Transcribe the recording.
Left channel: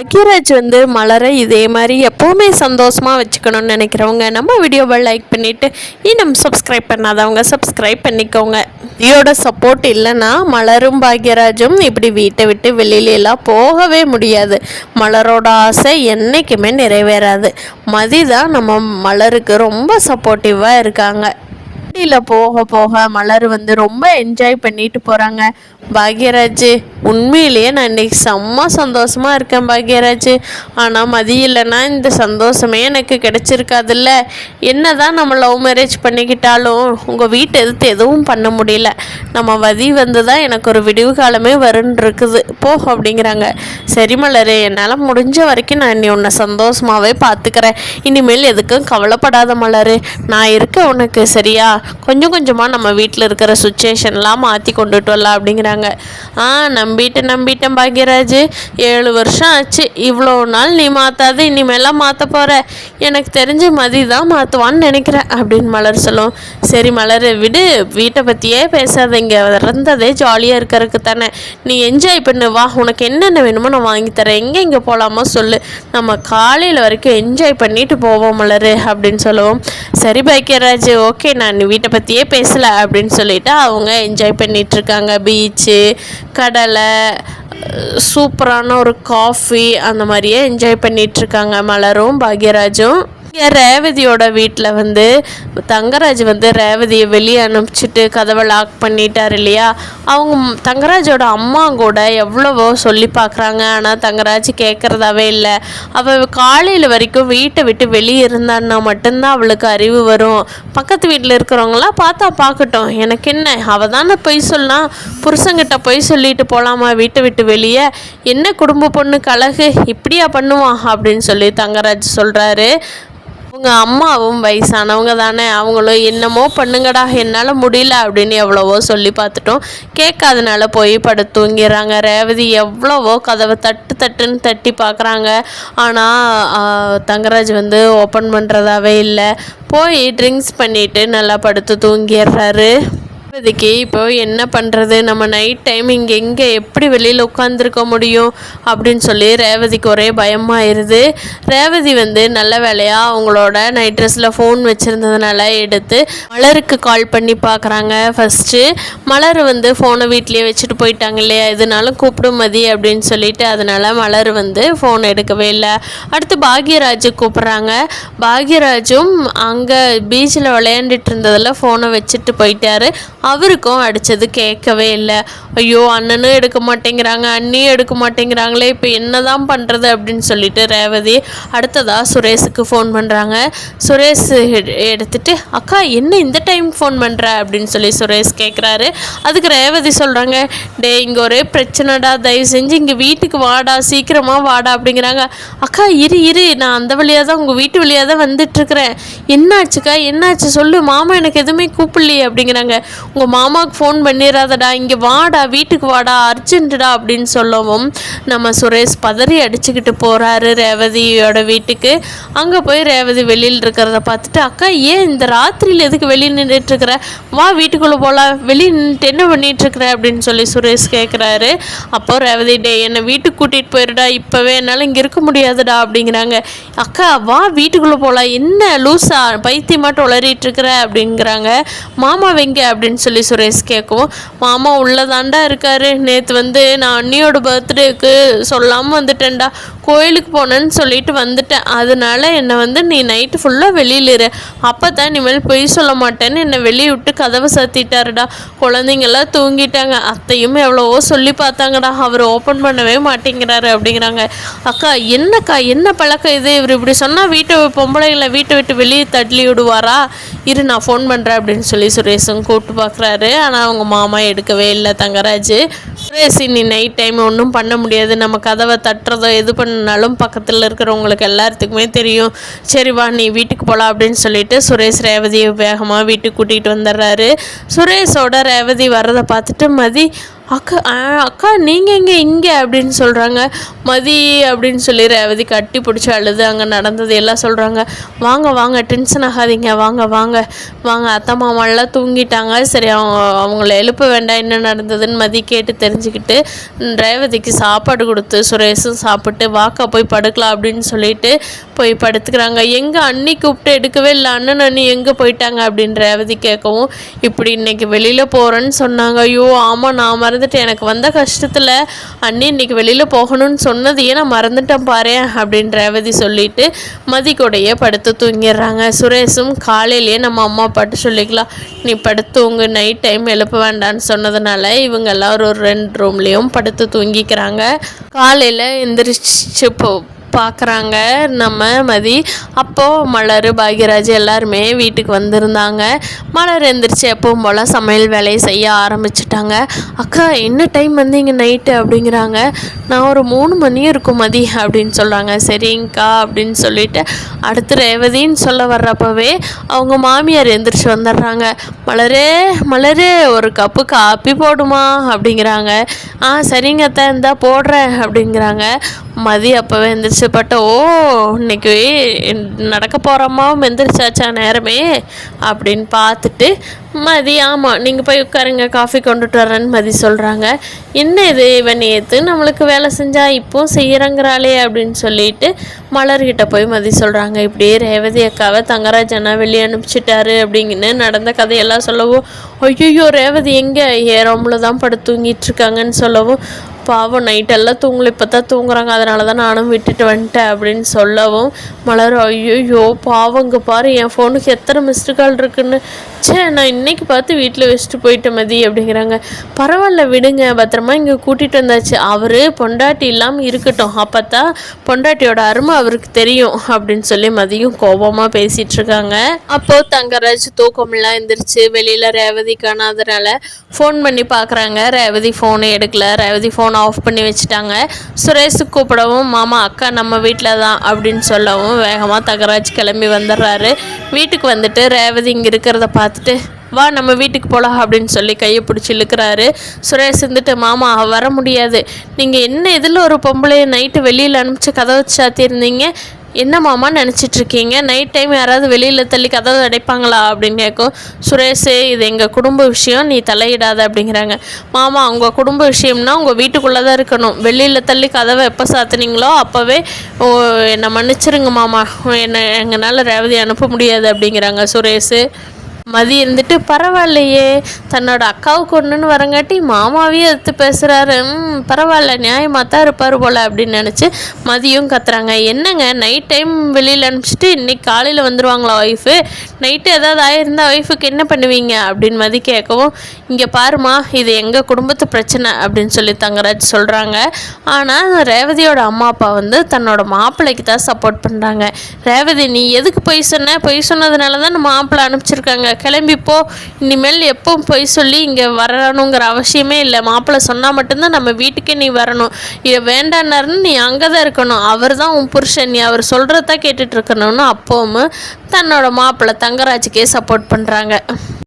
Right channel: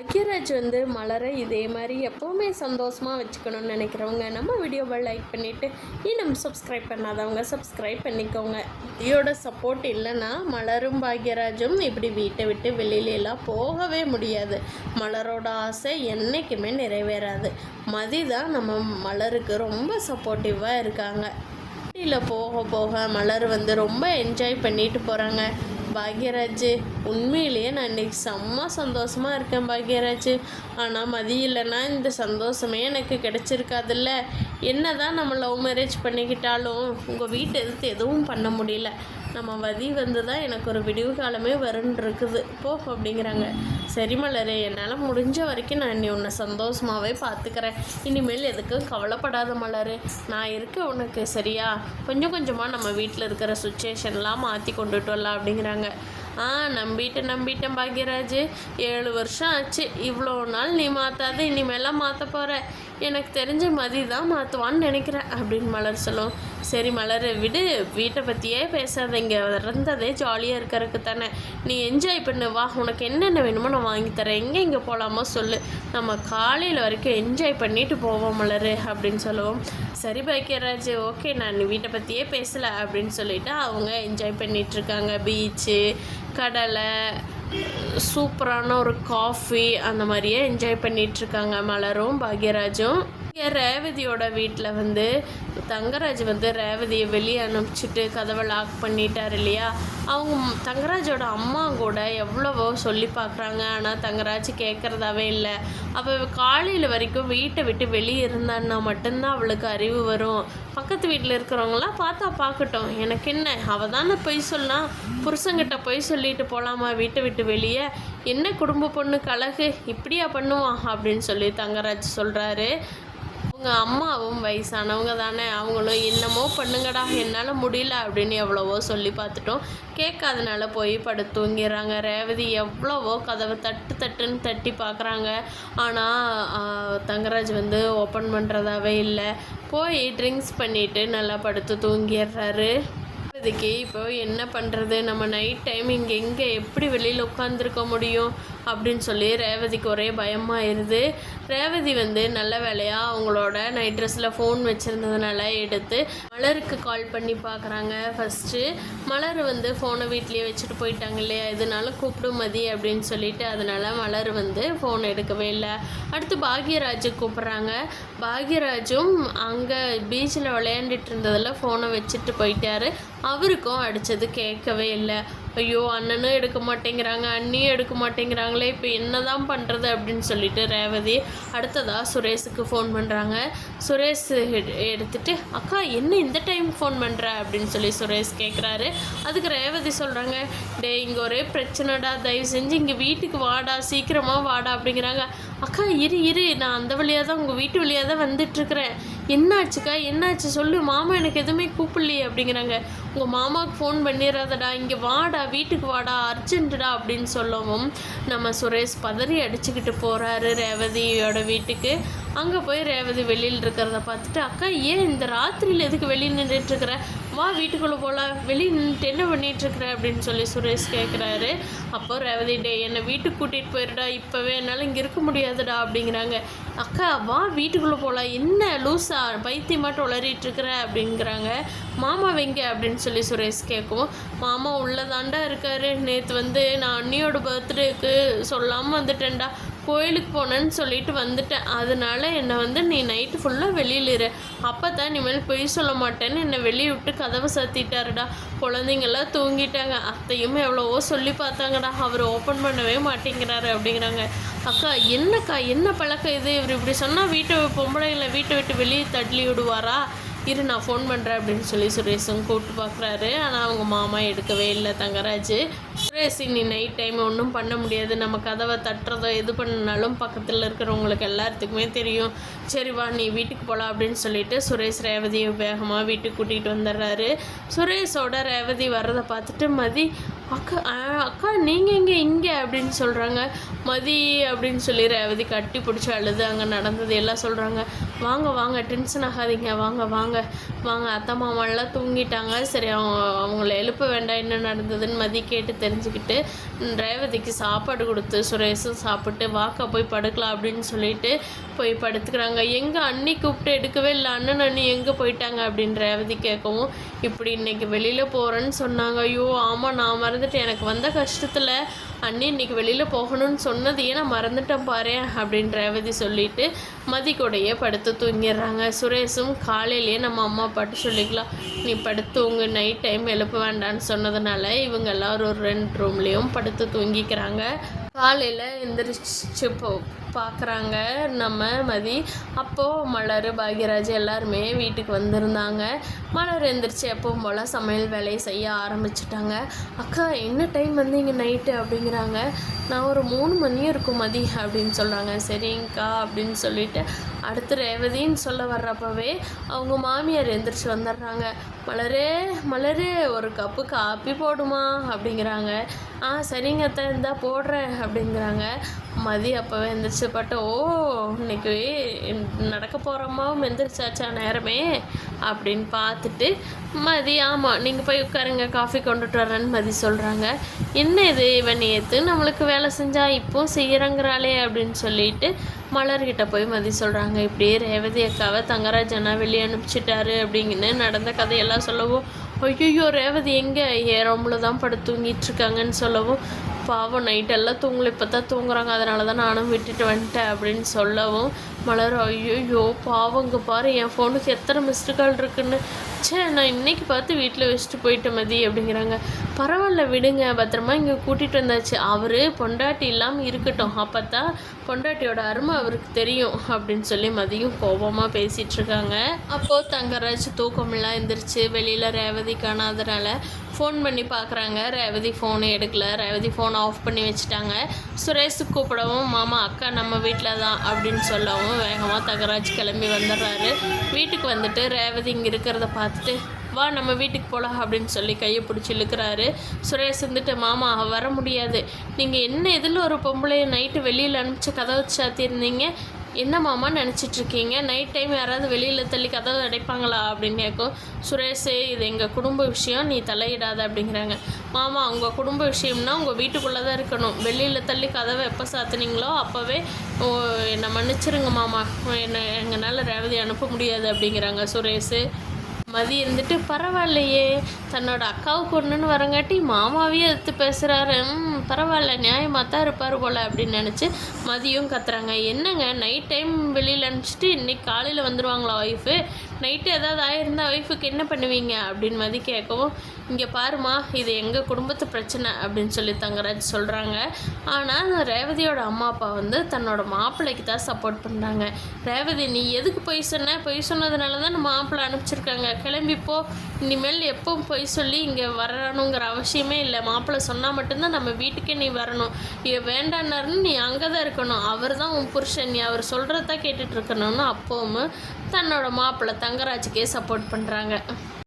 அகிராஜ் வந்து மலரை இதே மாதிரி எப்போவுமே சந்தோஷமாக வச்சுக்கணும்னு நினைக்கிறவங்க நம்ம வீடியோவை லைக் பண்ணிவிட்டு இன்னும் சப்ஸ்கிரைப் பண்ணாதவங்க சப்ஸ்கிரைப் பண்ணிக்கோங்க. இதோட சப்போர்ட் இல்லைன்னா மலரும் பாக்யராஜும் இப்படி வீட்டை விட்டு வெளியிலலாம் போகவே முடியாது. மலரோட ஆசை என்றைக்குமே நிறைவேறாது. மதி தான் நம்ம மலருக்கு ரொம்ப சப்போர்ட்டிவாக இருக்காங்க. வண்டியில் போக போக மலர் வந்து ரொம்ப என்ஜாய் பண்ணிட்டு போகிறாங்க. பாக்யராஜ் உண்மையிலேயே நான் இன்றைக்கி செம்ம சந்தோஷமாக இருக்கேன் பாக்யராஜ். ஆனால் மதி இல்லைன்னா இந்த சந்தோஷமே எனக்கு கிடச்சிருக்காதுல்ல. என்ன தான் நம்ம லவ் மேரேஜ் பண்ணிக்கிட்டாலும் உங்கள் வீட்டை எதிர்த்து எதுவும் பண்ண முடியல. நம்ம மதி வந்து தான் எனக்கு ஒரு விடிவு காலமே வருன்னு இருக்குது போ அப்படிங்கிறாங்க. சரி மலர், என்னால் முடிஞ்ச வரைக்கும் நான் இன்னி உன்னை சந்தோஷமாகவே பார்த்துக்கிறேன். இனிமேல் எதுக்கும் கவலைப்படாத மலர், நான் இருக்க உனக்கு. சரியா? கொஞ்சம் கொஞ்சமாக நம்ம வீட்டில் இருக்கிற சுச்சுவேஷன்லாம் மாற்றி கொண்டுட்டு வரலாம் அப்படிங்கிறாங்க. நம்பிட்டேன் பாக்யராஜ். 7 வருஷம் ஆச்சு. இவ்வளோ நாள் நீ மாற்றாது, இனிமேலாம் மாற்ற போகிற. எனக்கு தெரிஞ்சு மதி தான் மாற்றுவான்னு நினைக்கிறேன் அப்படின்னு மலர் சொல்லும். சரி மலர் விடு, வீட்டை பற்றியே பேசாதீங்க. இறந்ததே ஜாலியாக இருக்கிறதுக்கு தானே. நீ என்ஜாய் பண்ணு, வா, உனக்கு என்னென்ன வேணுமோ நான் வாங்கித்தரேன். எங்கே போகலாமோ சொல்லு, நம்ம காலையில் வரைக்கும் என்ஜாய் பண்ணிட்டு போவோம் மலர் அப்படின்னு சொல்லுவோம். சரி பாக்யராஜ், ஓகே, நான் வீட்டை பற்றியே பேசலை அப்படின்னு சொல்லிவிட்டு அவங்க என்ஜாய் பண்ணிகிட்ருக்காங்க. பீச்சு, கடலை, சூப்பரான ஒரு காஃபி, அந்த மாதிரியே என்ஜாய் பண்ணிகிட்ருக்காங்க மலரும் பாக்யராஜும். ரேவதியோட வீட்டில் வந்து தங்கராஜ் வந்து ரேவதியை வெளியே அனுப்பிச்சிட்டு கதவை லாக் பண்ணிட்டார் இல்லையா. அவங்க தங்கராஜோட அம்மா கூட எவ்வளவோ சொல்லி பார்க்குறாங்க. ஆனால் தங்கராஜ் கேட்குறதாவே இல்லை. அவள் காலையில் வரைக்கும் வீட்டை விட்டு வெளியே இருந்தான்னா மட்டும்தான் அவளுக்கு அறிவு வரும். பக்கத்து வீட்டில் இருக்கிறவங்களாம் பார்த்தா பார்க்கட்டும், எனக்கு என்ன, அவள் தானே பொய் சொல்லலாம். புருஷங்கிட்ட பொய் சொல்லிட்டு போகலாமா வீட்டை விட்டு வெளியே? என்ன குடும்ப பொண்ணு கழகு இப்படியா பண்ணுவான் அப்படின்னு சொல்லி தங்கராஜ் சொல்கிறாரு. அவங்க அம்மாவும் வயசானவங்க தானே, அவங்களும் என்னமோ பண்ணுங்கடா, என்னால் முடியல அப்படின்னு எவ்வளவோ சொல்லி பார்த்துட்டோம். கேட்காதனால போய் படுத்து தூங்கிடுறாங்க. ரேவதி எவ்வளவோ கதவை தட்டுன்னு தட்டி பார்க்குறாங்க. ஆனால் தங்கராஜ் வந்து ஓப்பன் பண்ணுறதாவே இல்லை. போய் ட்ரிங்க்ஸ் பண்ணிவிட்டு நல்லா படுத்து தூங்கிடுறாரு. ரேவதிக்கு இப்போ என்ன பண்ணுறது, நம்ம நைட் டைம் இங்கே எங்கே எப்படி வெளியில் உட்காந்துருக்க முடியும் அப்படின்னு சொல்லி ரேவதிக்கு ஒரே பயமாயிருது. ரேவதி வந்து நல்ல வேலையாக அவங்களோட நைட் ட்ரெஸ்ஸில் ஃபோன் வச்சுருந்ததுனால எடுத்து மலருக்கு கால் பண்ணி பார்க்குறாங்க. ஃபஸ்ட்டு மலர் வந்து ஃபோனை வீட்லேயே வச்சுட்டு போயிட்டாங்க இல்லையா, இதனாலும் கூப்பிடும் மதி அப்படின்னு சொல்லிட்டு அதனால் மலர் வந்து ஃபோன் எடுக்கவே இல்லை. அடுத்து பாக்யராஜு கூப்பிட்றாங்க. பாக்யராஜும் அங்கே பீச்சில் விளையாண்டுட்டு இருந்ததில் ஃபோனை வச்சுட்டு போயிட்டாரு. அவருக்கும் அடித்தது கேட்கவே இல்லை. ஐயோ, அண்ணனும் எடுக்க மாட்டேங்கிறாங்க, அண்ணியும் எடுக்க மாட்டேங்கிறாங்களே, இப்போ என்ன தான் பண்ணுறது அப்படின்னு சொல்லிட்டு ரேவதி அடுத்ததாக சுரேஷுக்கு ஃபோன் பண்ணுறாங்க. சுரேஷ் எடுத்துகிட்டு, அக்கா என்ன இந்த டைம் ஃபோன் பண்ணுற அப்படின்னு சொல்லி சுரேஷ் கேட்குறாரு. அதுக்கு ரேவதி சொல்கிறாங்க, டே இங்கே ஒரே பிரச்சனைடா, தயவு செஞ்சு இங்கே வீட்டுக்கு வாடா, சீக்கிரமாக வாடா அப்படிங்கிறாங்க. அக்கா இரு, நான் அந்த வழியாக தான் உங்கள் வீட்டு வழியாக தான் வந்துட்டுருக்குறேன். என்னாச்சுக்கா, என்னாச்சு சொல்லு, மாமா எனக்கு எதுவுமே கூப்பிடலையே அப்படிங்கிறாங்க. உங்கள் மாமாவுக்கு ஃபோன் பண்ணிடாதடா, இங்கே வாடா, வீட்டுக்கு வாடா, அர்ஜென்ட்டுடா அப்படின்னு சொல்லவும் நம்ம சுரேஷ் பதறி அடிச்சுக்கிட்டு போகிறாரு ரேவதியோட வீட்டுக்கு. அங்கே போய் ரேவதி வெளியில் இருக்கிறத பார்த்துட்டு, அக்கா ஏன் இந்த ராத்திரியில் எதுக்கு வெளியே நின்றுட்டுருக்குற, வா வீட்டுக்குள்ளே போகலாம், வெளியே நின்றுட்டு என்ன பண்ணிகிட்ருக்குற அப்படின்னு சொல்லி சுரேஷ் கேட்குறாரு. அப்போ ரேவதி, டே என்னை வீட்டுக்கு கூட்டிகிட்டு போயிடுடா, இப்போவே என்னால் இங்கே இருக்க முடியாதுடா அப்படிங்கிறாங்க. அக்கா வா வீட்டுக்குள்ளே போகலாம், என்ன லூஸா பைத்தியமாட்டு உளறிட்டுருக்குற அப்படிங்கிறாங்க. மாமா வெங்க அப்படின்னு சொல்லி சுரேஷ் கேட்கவும், மாமா உள்ளதாண்டா இருக்காரு, நேற்று வந்து நான் அண்ணியோட பர்த்டேக்கு சொல்லாமல் வந்துட்டேன்டா, கோயிலுக்கு போனேன்னு சொல்லிட்டு வந்துட்டேன், அதனால என்னை வந்து நீ நைட்டு ஃபுல்லாக வெளியில் இரு, அப்போ தான் இனிமேல் பொய் சொல்ல மாட்டேன்னு என்னை வெளியே விட்டு கதவை சாத்திட்டாருடா. குழந்தைங்கள்லாம் தூங்கிட்டாங்க, அத்தையும் எவ்வளவோ சொல்லி பார்த்தாங்கடா, அவர் ஓப்பன் பண்ணவே மாட்டேங்கிறாரு அப்படிங்கிறாங்க. அக்கா என்னக்கா, என்ன பழக்கம் இது, இவர் இப்படி சொன்னால் பொம்பளைங்களை வீட்டை விட்டு வெளியே தள்ளி விடுவாரா, இரு நான் ஃபோன் பண்ணுறேன் அப்படின்னு சொல்லி சுரேஷும் கூப்பிட்டு பார்க்குறாரு. ஆனால் அவங்க மாமா எடுக்கவே இல்லை தங்கராஜ். சுரேஷ் நீ நைட் டைம் ஒன்றும் பண்ண முடியாது, நம்ம கதவை தட்டுறதோ எது பண்ணாலும் பக்கத்தில் இருக்கிறவங்களுக்கு எல்லாத்துக்குமே தெரியும், சரி வா நீ வீட்டுக்கு போகலாம் அப்படின்னு சொல்லிட்டு சுரேஷ் ரேவதியை வேகமாக வீட்டுக்கு கூட்டிகிட்டு வந்துடுறாரு. சுரேஷோட ரேவதி வர்றதை பார்த்துட்டு மதி, அக்கா அக்கா நீங்கள் இங்கே அப்படின்னு சொல்கிறாங்க. மதி அப்படின்னு சொல்லி ரேவதி கட்டி பிடிச்சி அழுது அங்கே நடந்தது எல்லாம் சொல்கிறாங்க. வாங்க வாங்க, டென்ஷன் ஆகாதீங்க, வாங்க வாங்க வாங்க, அத்தை மாமாலாம் தூங்கிட்டாங்க, சரி அவங்கள எழுப்ப வேண்டாம், என்ன நடந்ததுன்னு மதி கேட்டு தெரிஞ்சுக்கிட்டு ரேவதிக்கு சாப்பாடு கொடுத்து சுரேஷும் சாப்பிட்டு வாக்கா போய் படுக்கலாம் அப்படின்னு சொல்லிட்டு போய் படுத்துக்கிறாங்க. எங்கே அண்ணி கூப்பிட்டு எடுக்கவே இல்லை, அண்ணன் அண்ணி எங்கே போயிட்டாங்க அப்படின்னு ரேவதி கேட்கவும், இப்படி இன்னைக்கு வெளியில் போகிறேன்னு சொன்னாங்க. ஐயோ ஆமாம், நான் மறந்துட்டேன், எனக்கு வந்த கஷ்டத்தில் அண்ணி இன்னைக்கு வெளியில் போகணும்னு சொன்னதையே நான் மறந்துட்டேன் பாரு அப்படின்னு ரேவதி சொல்லிட்டு மதி கூடையே படுத்து தூங்கிடுறாங்க. சுரேஷும் காலையிலேயே நம்ம அம்மா அப்பாட்டு சொல்லிக்கலாம், நீ படுத்துவங்க, நைட் டைம் எழுப்ப வேண்டான்னு சொன்னதுனால இவங்க எல்லாம் ஒரு 2 ரூம்லேயும் படுத்து தூங்கிக்கிறாங்க. காலையில் எந்திரிச்சு பார்க்குறாங்க நம்ம மதி. அப்போது மலர் பாக்யராஜ் எல்லாருமே வீட்டுக்கு வந்திருந்தாங்க. மலர் எந்திரிச்சு எப்பவும் போல் சமையல் வேலையை செய்ய ஆரம்பிச்சிட்டாங்க. அக்கா என்ன டைம் வந்தீங்க நைட்டு அப்படிங்கிறாங்க. நான் ஒரு 3 மணி இருக்கும் மதி அப்படின்னு சொல்கிறாங்க. சரிங்கக்கா அப்படின்னு சொல்லிட்டு அடுத்து ரேவதின்னு சொல்ல வர்றப்பவே அவங்க மாமியார் எந்திரிச்சு வந்துடுறாங்க. மலரே மலரே ஒரு கப்பு காப்பி போடுமா அப்படிங்கிறாங்க. சரிங்க அத்தை இந்தா போடுறேன் அப்படிங்கிறாங்க. மதி அப்போவே எந்திரிச்சு ஓ இன்னைக்கு நடக்க போகிறோமாவும் எந்திரிச்சாச்சா நேரமே அப்படின்னு பார்த்துட்டு மதி ஆமாம் நீங்கள் போய் உட்காருங்க, காஃபி கொண்டுட்டு வரேன்னு மதி சொல்கிறாங்க. என்ன இது இவன் நேற்று நம்மளுக்கு வேலை செஞ்சா இப்போவும் செய்கிறங்கிறாளே அப்படின்னு சொல்லிட்டு மலர்கிட்ட போய் மதி சொல்கிறாங்க. இப்படியே ரேவதி அக்காவை தங்கராஜ் அண்ணா வெளியே அனுப்பிச்சிட்டாரு அப்படிங்கன்னு நடந்த கதையெல்லாம் சொல்லவும், ஐயோ ரேவதி எங்கே ஏறோம்ல தான் படுத்து தூங்கிட்டு இருக்காங்கன்னு சொல்லவும், பாவம் நைட்டெல்லாம் தூங்கலை, இப்போ தான் தூங்குறாங்க, அதனால தான் நானும் விட்டுட்டு வந்துட்டேன் அப்படின்னு சொல்லவும் மலர் ஐயோ பாவங்க பாரு, என் ஃபோனுக்கு எத்தனை மிஸ்டு கால் இருக்குன்னு, நான் இன்னைக்கு பார்த்து வீட்டில் வச்சுட்டு போயிட்டேன் மதி அப்படிங்கிறாங்க. பரவாயில்ல விடுங்க, பத்திரமா இங்கே கூட்டிகிட்டு வந்தாச்சு, அவர் பொண்டாட்டி இல்லாமல் இருக்கட்டும், அப்போ தான் பொண்டாட்டியோட அருமை அவருக்கு தெரியும் அப்படின்னு சொல்லி மதியும் கோபமாக பேசிகிட்டு இருக்காங்க. அப்போது தங்கராஜ் தூக்கமெல்லாம் எந்திரிச்சு வெளியில் ரேவதி காணாதனால ஃபோன் பண்ணி பார்க்குறாங்க. ரேவதி ஃபோனை எடுக்கல, ரேவதி ஃபோனை ஆஃப் பண்ணி வச்சுட்டாங்க. சுரேஷுக்கு கூப்பிடவும் மாமா அக்கா நம்ம வீட்டில் தான் அப்படின்னு சொல்லவும் வேகமாக தங்கராஜ் கிளம்பி வந்துடுறாரு. வீட்டுக்கு வந்துட்டு ரேவதி இங்கே இருக்கிறத பார்த்துட்டு வா நம்ம வீட்டுக்கு போகலாம் அப்படின்னு சொல்லி கையை பிடிச்சி இழுக்கிறாரு. சுரேஷ் இருந்துட்டு மாமா வர முடியாது, நீங்கள் என்ன இதில் ஒரு பொம்பளையை நைட்டு வெளியில் அனுப்பிச்சு கதவை சாத்தியிருந்தீங்க, என்ன மாமா நினச்சிட்ருக்கீங்க, நைட் டைம் யாராவது வெளியில் தள்ளி கதவை அடைப்பாங்களா அப்படின்னு கேட்கும். சுரேஷ் இது எங்கள் குடும்ப விஷயம், நீ தலையிடாத அப்படிங்கிறாங்க. மாமா உங்கள் குடும்ப விஷயம்னா உங்கள் வீட்டுக்குள்ளே தான் இருக்கணும், வெளியில் தள்ளி கதவை எப்போ சாத்துனீங்களோ அப்போவே என்னை மன்னிச்சிருங்க மாமா, எங்களால் ரேவதி அனுப்ப முடியாது அப்படிங்கிறாங்க சுரேஷ். மதி இருந்துட்டு பரவாயில்லையே, தன்னோட அக்காவுக்கு ஒன்றுன்னு வரங்காட்டி மாமாவே எடுத்து பேசுகிறாரு, பரவாயில்ல நியாயமாக தான் இருப்பார் போல் அப்படின்னு நினச்சி மதியும் கத்துறாங்க. என்னங்க நைட் டைம் வெளியில் அனுப்பிச்சிட்டு இன்றைக்கி காலையில் வந்துடுவாங்களா ஒய்ஃபு, நைட்டு ஏதாவது ஆயிருந்தால் ஒய்ஃபுக்கு என்ன பண்ணுவீங்க அப்படின்னு மதி கேட்கவும், இங்கே பாருமா இது எங்கள் குடும்பத்து பிரச்சனை அப்படின்னு சொல்லி தங்கராஜ் சொல்கிறாங்க. ஆனால் ரேவதியோட அம்மா அப்பா வந்து தன்னோட மாப்பிள்ளைக்கு தான் சப்போர்ட் பண்ணுறாங்க. ரேவதி நீ எதுக்கு பொய் சொன்ன, பொய் சொன்னதுனால தான் நம்ம மாப்பிள்ளை அனுப்பிச்சிருக்காங்க, கிளம்பிப்போ, இனிமேல் எப்பவும் பொய் சொல்லி இங்கே வரணுங்கிற அவசியமே இல்லை, மாப்பிள்ளை சொன்னால் மட்டும்தான் நம்ம வீட்டுக்கே நீ வரணும், இதை வேண்டான்னாருன்னு நீ அங்கே தான் இருக்கணும், அவர் தான் உன் புருஷன், நீ அவர் சொல்கிறதான் கேட்டுட்டு இருக்கணும்னு அப்பவும் தன்னோட மாப்பிள்ளை தங்கராஜுக்கே சப்போர்ட் பண்ணுறாங்க.